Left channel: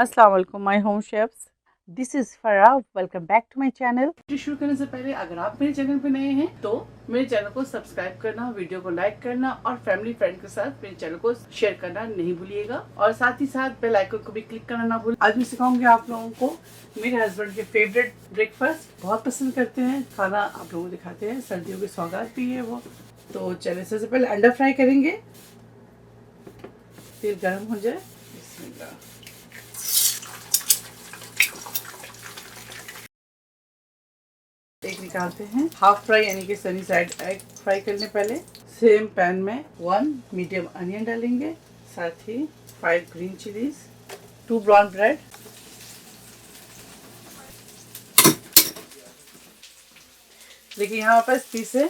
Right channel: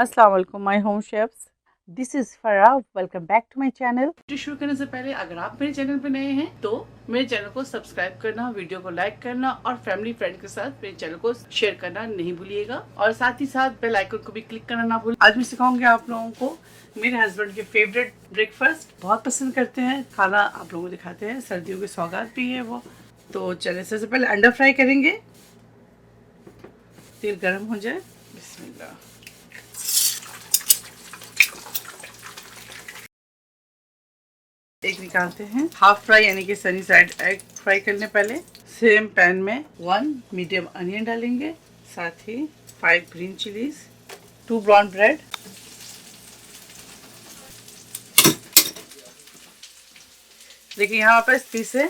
अस्सलाम वालेकुम my home chefs, this is Farah. Welcome back to my channel. शुरू करने से पहले अगर आप मेरे चैनल पे नए हैं तो मेरे चैनल को सब्सक्राइब करना, वीडियो को लाइक करना और फैमिली फ्रेंड के साथ मेरे चैनल को शेयर करना नहीं भूलिएगा और साथ ही साथ बेल आइकन को भी क्लिक करना ना भूलिए। आज मैं सिखाऊंगी आप लोगों को मेरे हस्बैंड के फेवरेट ब्रेकफास्ट, बहुत पसंद करते हैं खाना, आप लोगों को दिखाते हैं। सर्दियों की सौगात भी है वो। तो चलिए सबसे पहले अंडा फ्राई करेंगे। तेल गर्म हो जाए, बिस्मिल्लाह। एग निकालते हैं। हाफ फ्राई यानी कि सनी साइड एग फ्राई करने पहले सेम पैन में 1 मीडियम अनियन डालेंगे, साथ ही 5 ग्रीन चिलीज, 2 ब्राउन ब्रेड, देखिए यहाँ पर इस से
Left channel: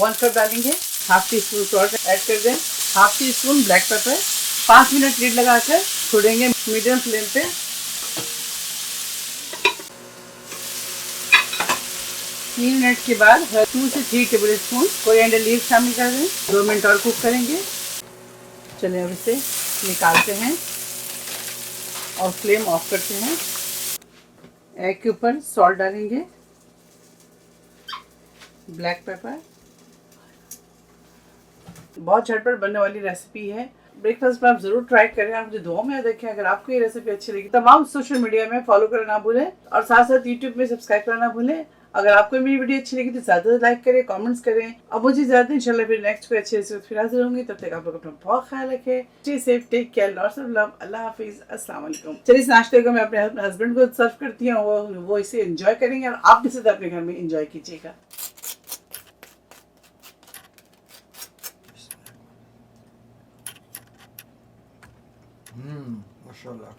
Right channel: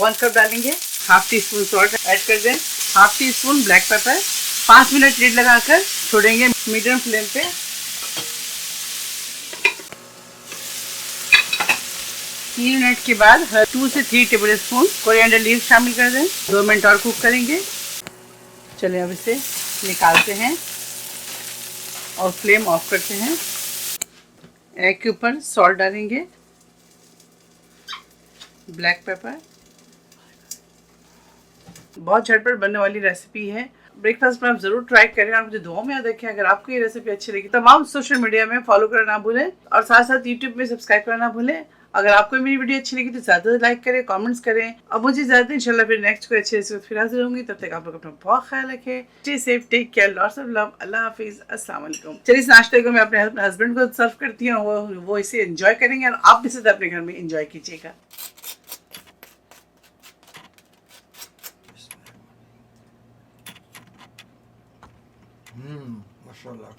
1 कप डालेंगे। Half tea spoon salt add कर दें, half tea spoon black pepper. 5 minute lead लगाकर छोड़ेंगे मीडियम फ्लेम पे। 3 मिनट के बाद 2 से 3 टेबल स्पून कोरिएंडर लीव्स शामिल कर दें। 2 मिनट और कुक करेंगे। चलिए अब इसे निकालते हैं और फ्लेम ऑफ करते हैं। एग के ऊपर सॉल्ट डालेंगे, ब्लैक पेपर। बहुत झटपट बनने वाली रेसिपी है। ब्रेकफास्ट में आप जरूर ट्राई करें और मुझे दुआ में याद रखें। अगर आपको ये रेसिपी अच्छी लगी तमाम सोशल मीडिया में फॉलो करना ना भूलें और साथ साथ यूट्यूब में सब्सक्राइब करना ना भूलें। अगर आपको मेरी वीडियो अच्छी लगी तो ज्यादा लाइक करें, कमेंट्स करें। अब मुझे ज्यादा इंशाल्लाह फिर नेक्स्ट कोई अच्छे से फिर हाजिर होंगी। तब तक आप लोग अपना बहुत ख्याल रखें। Stay safe, take care, lots of love, अल्लाह हाफिज, अस्सलाम वालेकुम। चलिए इस नाश्ते को मैं अपने हस्बैंड को सर्व करती हूँ, वो इसे एंजॉय करेंगे और आप भी इसे अपने घर में एंजॉय कीजिएगा। माशाल्लाह।